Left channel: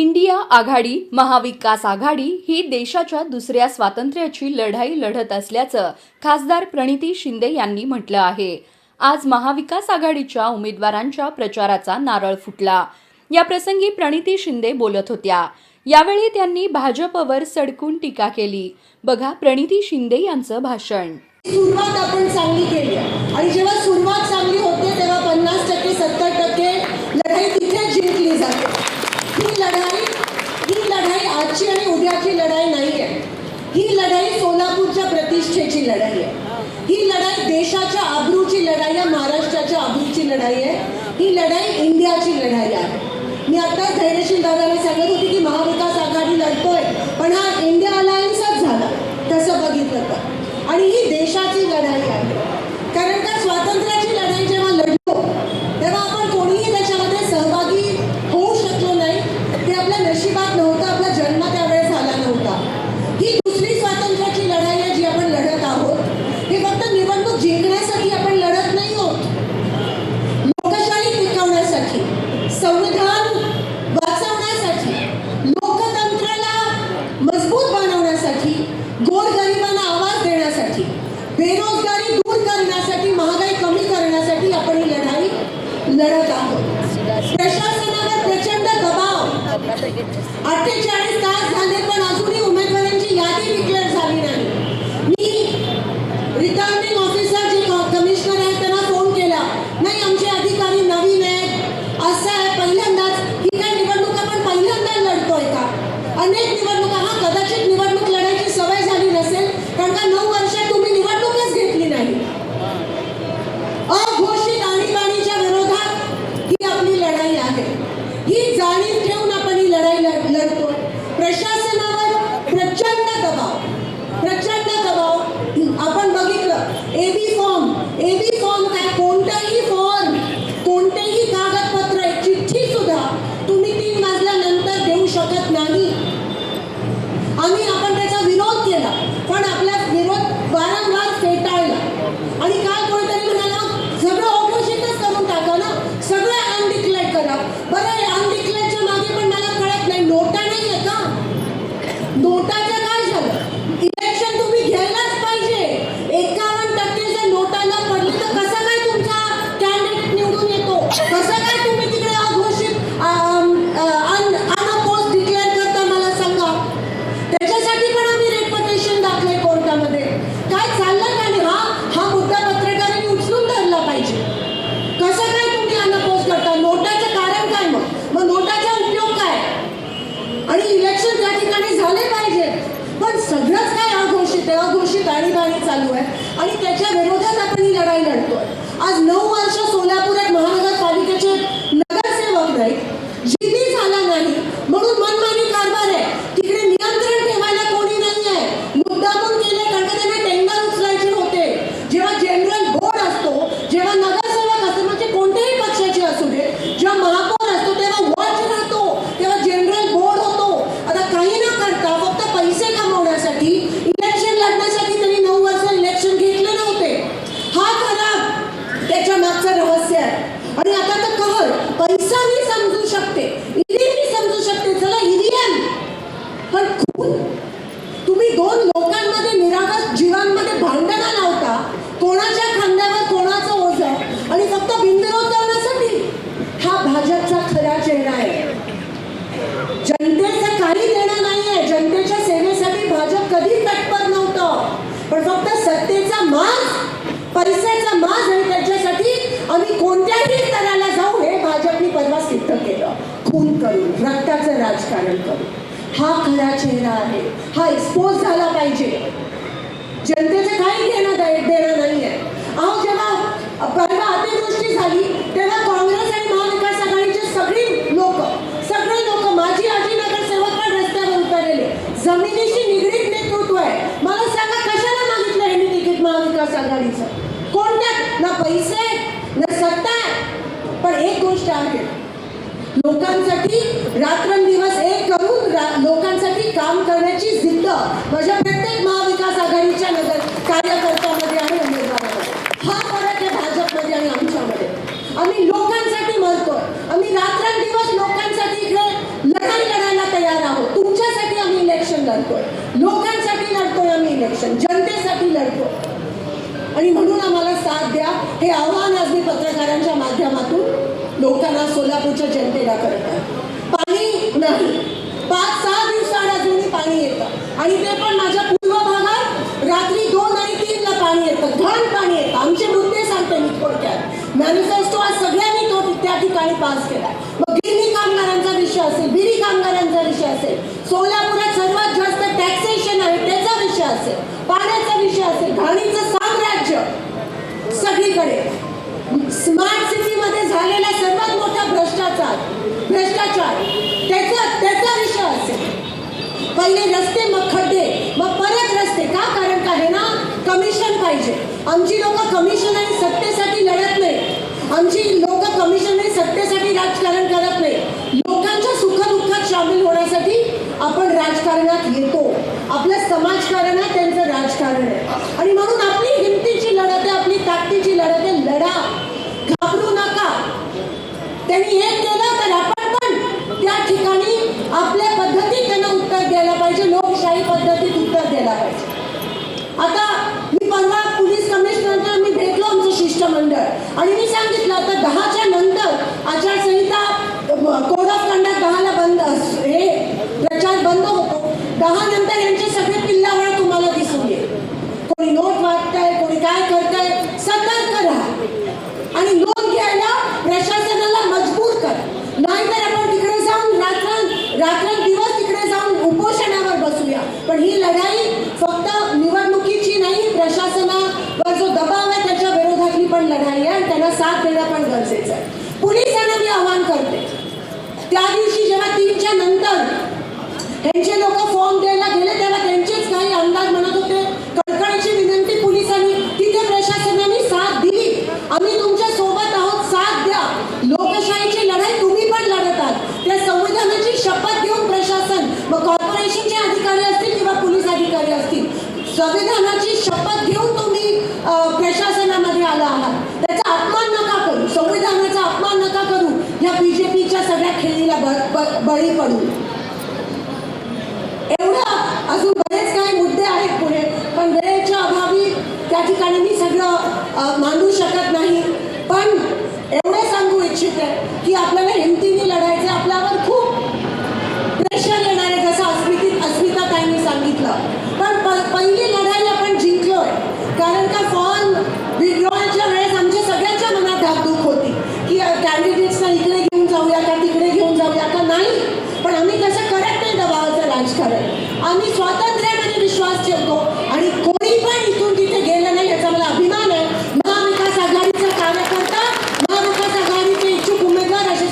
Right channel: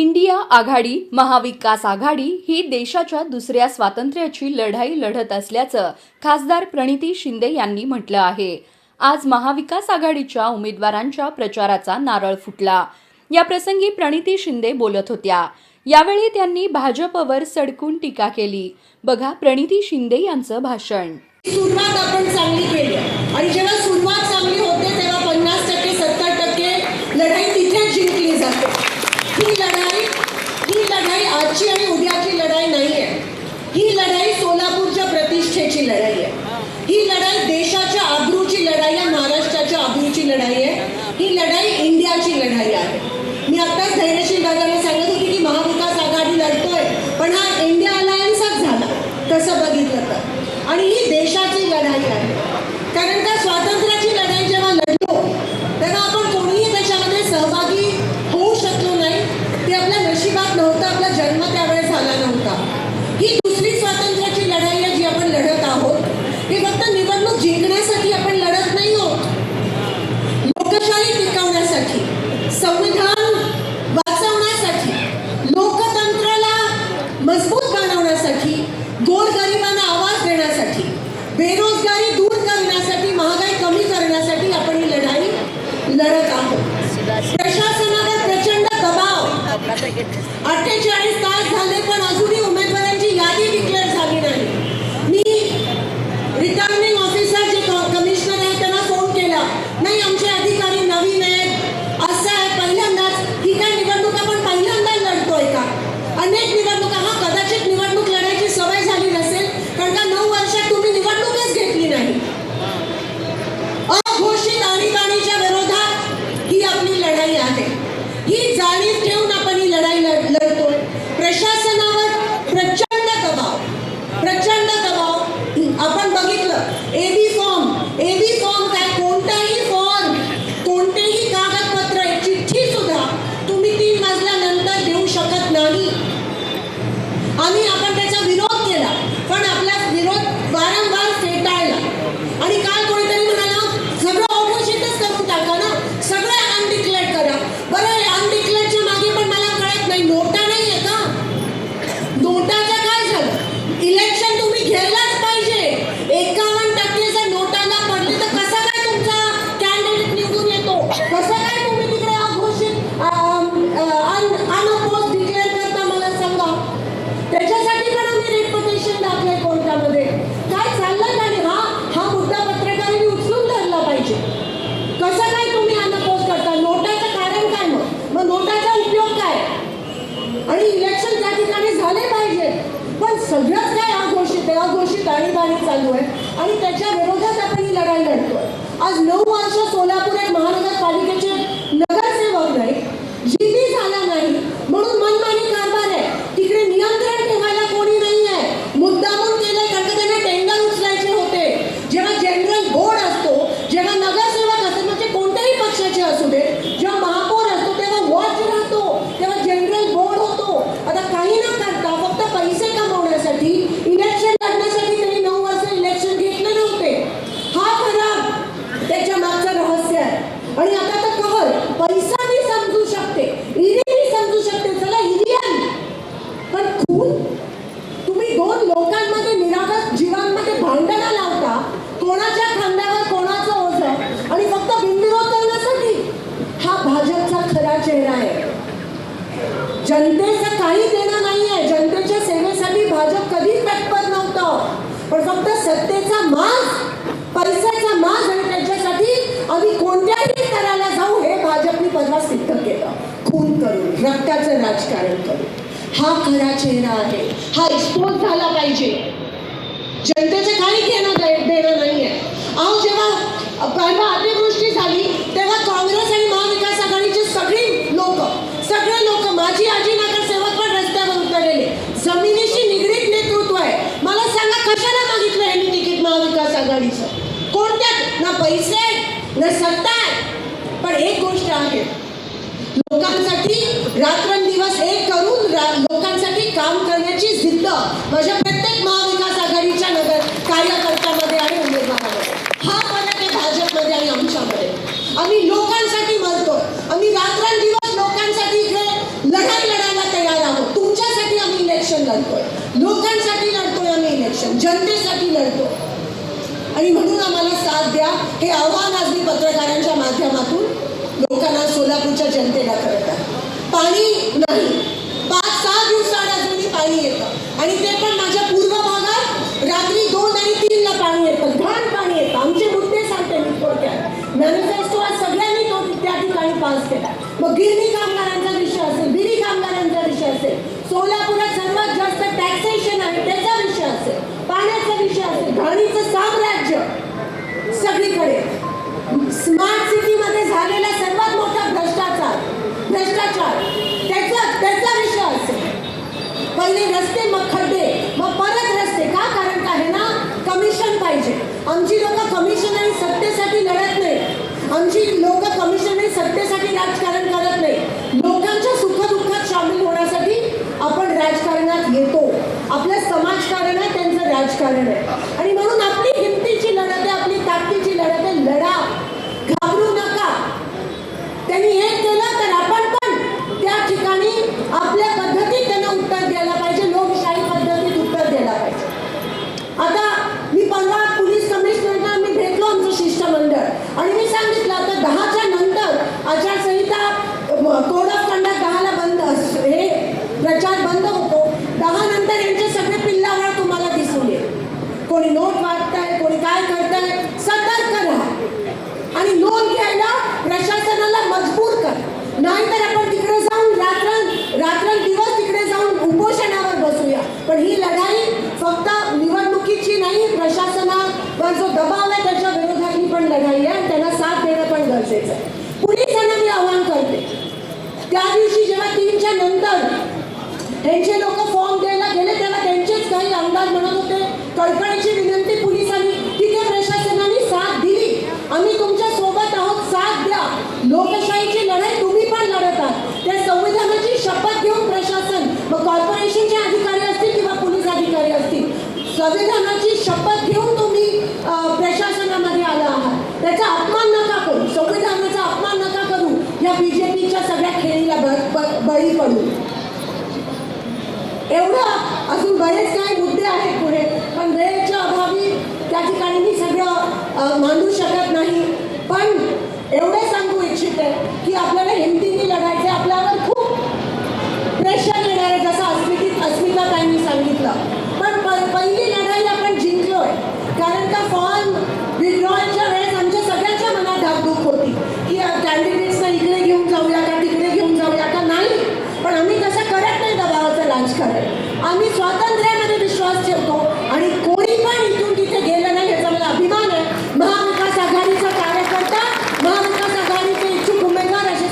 India आघाडी महाविकास आघाडी ही देशाच्या दुसऱ्या स्वातंत्र्याची लढाई लढत असल्याचं खासदार प्रणिती शिंदे यांनी म्हटलं आहे। आज महाविकास आघाडीच्या उमेदवारांच्या प्रचाराचा नारळ फुटला। या प्रसंगी प्रणिती शिंदे बोलत होत्या। यावेळी त्यांनी भाजपवर सडकून टीका केली। बघा प्रणिती शिंदे यांचं भाषण। सुरुवात आपण चांगली केली आणि जेव्हा सुरुवात चांगली होते तेव्हा 50% 70% लढाई तिथेच जिंकली जाते। ही लढाई आजची आणि उद्याची लढाई नाहीये। ही लढाई सोलापूरच्या प्रतिष्ठेची लढाई आहे। ही लढाई देशाच्या आबरूची लढाई आहे, महाराष्ट्राच्या आबरूची लढाई आहे। ही लढाई इंडियाची लढाई आहे। मी आताच धैर्यशील दादांनी सांगत होते की महाविकास आघाडी लढतोय, पण हा इंडिया अलायन्सच झाला तसं बघितलं तर। आणि ही देशाची लढाई आहे, कारण त्या स्वातंत्र्याची लढाई जेव्हा लढलो तेव्हा आपण कोणीही त्याच्यामध्ये सहभागी होऊ शकलो नाही। ते आपल्या नशिबात नव्हतं, आपला जन्म त्यावेळेस झाला नव्हता। ही दुसरी स्वातंत्र्याची लढाई आहे जी आपण लढत आहोत। ही फक्त निवडणूक जिंकण्यासाठी आपण लढत नाही आहोत, लोकशाही टिकवण्यासाठी, संविधान वाचवण्यासाठी, लोकतंत्राला मजबूत बनवण्यासाठी, गोरगरिबांना आवाज देण्यासाठी, बेरोजगारी दूर करण्यासाठी, महागाई कमी करण्यासाठी आपण ही लढाई लढत आहोत। प्रशासनावर प्रचंड दबाव, 48 तास झाले पण अजूनही उमेदवारांची यादी डिक्लेअर झाली नाही। मी रिटर्निंग ऑफिसर जे कमिशनर आहेत त्यांना फोन केला, नाही आमचे अधिकारी नवीन आहेत, असं आहे पहिल्यांदाच। ही काय निवडणूक आपण पहिल्यांदा लढतोय का? अनेक निवडणुका, हा कदाचित निवडणूक लढायची सवय झाली नसेल, कारण का 9 वर्षात तुम्ही निवडणूकच घेतली नाही। अघोषित आणीबाणीच्या विरोधात ही आपली लढाई आहे। ही जाणीव ठेवून आपण ही लढाई लढतोय। प्रशासनावर प्रचंड दबाव आपण बघितलं। एबी फॉर्म काय, कोणताही फॉर्म, कोणतेही कागदपत्र, एक चिठ्ठी सुद्धा तुम्ही 3 वाजल्यानंतर देऊ शकत नाही। आपण त्याचा विरोध केला, पण आपला विरोध वारंवार फेटाळला। आणि काल कोणीतरी म्हणाला सगळं अघोषितच करून टाका ना, सगळं अनडिक्लेअर्ड करा। बरं, अनडिक्लेअर्डच्या मागे पण मला कळत नाही, नोटा नाही आहे का? नोटाचं काय झालं? इलेक्शन तुम्ही घ्यायलाच पाहिजे। 51% जर नोटाला पडले तर कसा काय तुमचा कॅन्डिडेट निवडून येतो? कसं काय तुम्ही तिकडे अघोषित अनअपोज डिक्लेअर करता मला सांगा। त्याच्यासाठी पण आम्ही रिट दाखले कोर्टामध्ये। काय चाललं का नाही? हा मुद्दा पत्रकारांनी उचलून धरला पाहिजे। कसं काय तुम्ही अनअपोज करता? नोटाचं कारण काय? मग नोटाचा उपयोग काय? आणि इलेक्शन त्या ठिकाणी झाले पाहिजे, पण सगळंच काय अघोषित आहे, अघोषित आणीबाणी चालू आहे आणि त्याच्या विरोधात आपण ही लढाई लढतो। आज 9 वर्ष सोलापुरात महानगरपालिकेचे नगरसेवक नाही, जिल्ही झाला नाही म्हणून मनमानी कारभार आहे। तिकडे नियंत्रण ठेवायला कोणी नाही आहे। मुद्दामून केले कारण त्यांना टेंडर उचलायचे होते। जेव्हा जनरल बोर्ड असतो, जेव्हा नगरसेवक असतो, म्हणजे कोणत्याही पक्षाचे असू दे, जेव्हा महापौर असतो तेव्हा वॉच राहतो, तेव्हा जनरल बोर्ड होतो। आता काही न करता फक्त पैसे कमवण्यासाठी, इलेक्शन लढण्यासाठी त्यांनी 9 वर्ष इलेक्शन घेतले नव्हते। हा खरा त्याच्या मागचं रहस्य आहे। आणि आता तर कहर पैसा मी समजू शकते, ईडी मी समजू शकते, चला ईव्हीएम, पण खून? तुम्ही 2 लोकांमध्ये, निरागस जीवांमध्ये भांडणं लावता, कोणाच्या खांद्यावर कोणाचं ओझं, आणि फक्त बिनविरोध करण्यासाठी। हा भाजपचा खरा चेहरा आहे। जनतेचं काही देणं नाहीये, जनतेच्या सेवेसाठी भाजप कधीच तत्पर नव्हतं, पण फक्त सत्तेचा माज, पैशाचा माज आहे, त्याच्यासाठी आम्ही कोणत्याही स्तराला जाऊ हे भाजपने परवा सिद्ध केलं। खून करून, रक्ताचं राजकारण करून। हा खरा चेहरा आहे, हा एक्सपोज झाला पाहिजे। जनतेचं काही देणं नाहीये। अहो जेव्हा परवा अतिवृष्टी झाली तेव्हा काँग्रेस आणि महाविकास आघाडीचे सगळे लोक, माझी आजी नगरसेवक पण रस्त्यावर उतरलेले। जमिनीशी निगडीत नेतृत्व आहे। मला सांगा कशाला मागितलं यांनी तिकीट महाविकास आघाडीचं? कोणत्या? ना पैसे ना सत्ता। पण एक गोष्ट आहे, लोकांसाठी रात्रंदिवस एक करून लोकांसाठी काम करण्याची जिद्द आणि पास केला. मग गिरणी कामगारांचा विषय असेल, बिडी कामगारांचा विषय असेल, सोलापुरात सर्वात जास्त टॅक्सेशन आहे त्याचा विषय असेल, पाण्याचा विषय असेल, घाणीचं साम्राज्य सगळीकडे, स्मार्ट सिटीमध्ये झालेला सर्वात मोठा भ्रष्टाचार त्याचा विषय असेल. पहिले रस्ते, मग खड्डे, मग परत रस्ते. का? कारण काय आहे ना, कमिशन पाहिजे. आमची लोक कमिशन आणि सत्तेसाठी लढत नाही. आमची लोक कमिशन आणि सत्तेसाठी राजकारण करत नाही. लोकांच्या सुखदुःखात सामील होण्यासाठी आपण राजकारणात येतो. आपलं समाजकारणात त्यांचं राजकारण आहे आणि म्हणून आपली हिमतीची लढत आहे, आपली ताकदीची लढत आहे. लढा, घाबरू नका. त्यांनी हे केलं तर आपण पण त्या ठिकाणी आपल्या पद्धतीत त्यांना उत्तर द्यायला पाहिजे, लोकशाही पद्धतीत उत्तर द्यायला पाहिजे. आता मी परवा पोलीस कमिशनरला मी भेटलो, आमचं शिष्टमंडळ, आणि मी सांगितलं आता 10च्या नंतर आचारसंहिता, कोड ऑफ कंडक्ट 10ला बंद, हे प्रचार बंद होतो. 10 नंतर यांचे सगळे पिल्लावाळ तुम्हाला दिसून येईल. कोणी नोट वाटतंय, कोणी काय करतंय. सतर्क राहा आणि नोंद घ्यायला प्रशासनाला मजबूर कर. नाहीतर आपण तिकडे जाऊन रात्रंदिवस तिकडे जाऊन उपोषणावर बसूया. पण ही लढाई फक्त निवडणुकीची नाही, प्रशासनावर जो दबाव आहे त्याच्या विरोधातली पण लढाई आहे आणि त्यांना साथ देणं पण गरजेचं आहे. पोलिसांना मी आवाहन करते, त्या दिवशी जेव्हा 3च्या नंतर त्यांचे लोक फॉर्म द्यायला गेले तेव्हा त्यांचेच काही आमदार म्हणत होते, कळकळीची विनंती पोलिसांनी, तिथे प्रशासनाने साथ दिली. आम्ही तुमच्या सोबत आहोत, साथ द्या. लोकशाहीची लढाई तुम्ही पण लढत आहात. त्या संविधानाची शपथ घेऊन प्रशासन, मग कॉर्पोरेशनचे अधिकारी असतील किंवा पोलीस अधिकारी असतील, संविधानाची शपथ घेऊन तुम्ही प्रशासनामध्ये आला आहात. त्याचा अपमान नका करू, संविधानाचा अपमान नका करू, या बीजेपीच्या सगळ्या खेळीला बळी पडू. एवढं, अजून बरेच काही मुद्दे आहेत पुढे, पण वेळेच्या अभावी त्या ठिकाणी मी सगळं मांडू शकत नाही. पण एवढे सांगू इच्छिते की आपल्याला हिमतीने लढायचं आहे. आपल्यावर खूप प्रेशर येणार आहे, जसं अस्मिताताईंनी सांगितलं. पण पहिली लढाई आपण जिंकलोय. कारण का फॉर्म विड्रॉलच्या वेळेस आमच्या सगळ्यांच्या मनात धाकधूक होती की कॅन्डिडेट्सना इकडे घेऊन जाऊया का, तिकडे घेऊन जाऊया का. नाही, पण आम्ही तसं करत नाही दबावाचं राजकारण. आम्ही स्वातंत्र्यामध्ये विश्वास ठेवतो आणि कोणी पण इथून तिथे गेलं नाही याचा मला अभिमान आहे. महाविकास आघाडीचा कार्यकर्ता, महाविकास आघाडीचे इच्छुक उमेदवार असे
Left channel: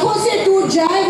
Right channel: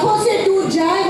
आंखों से टूट जाए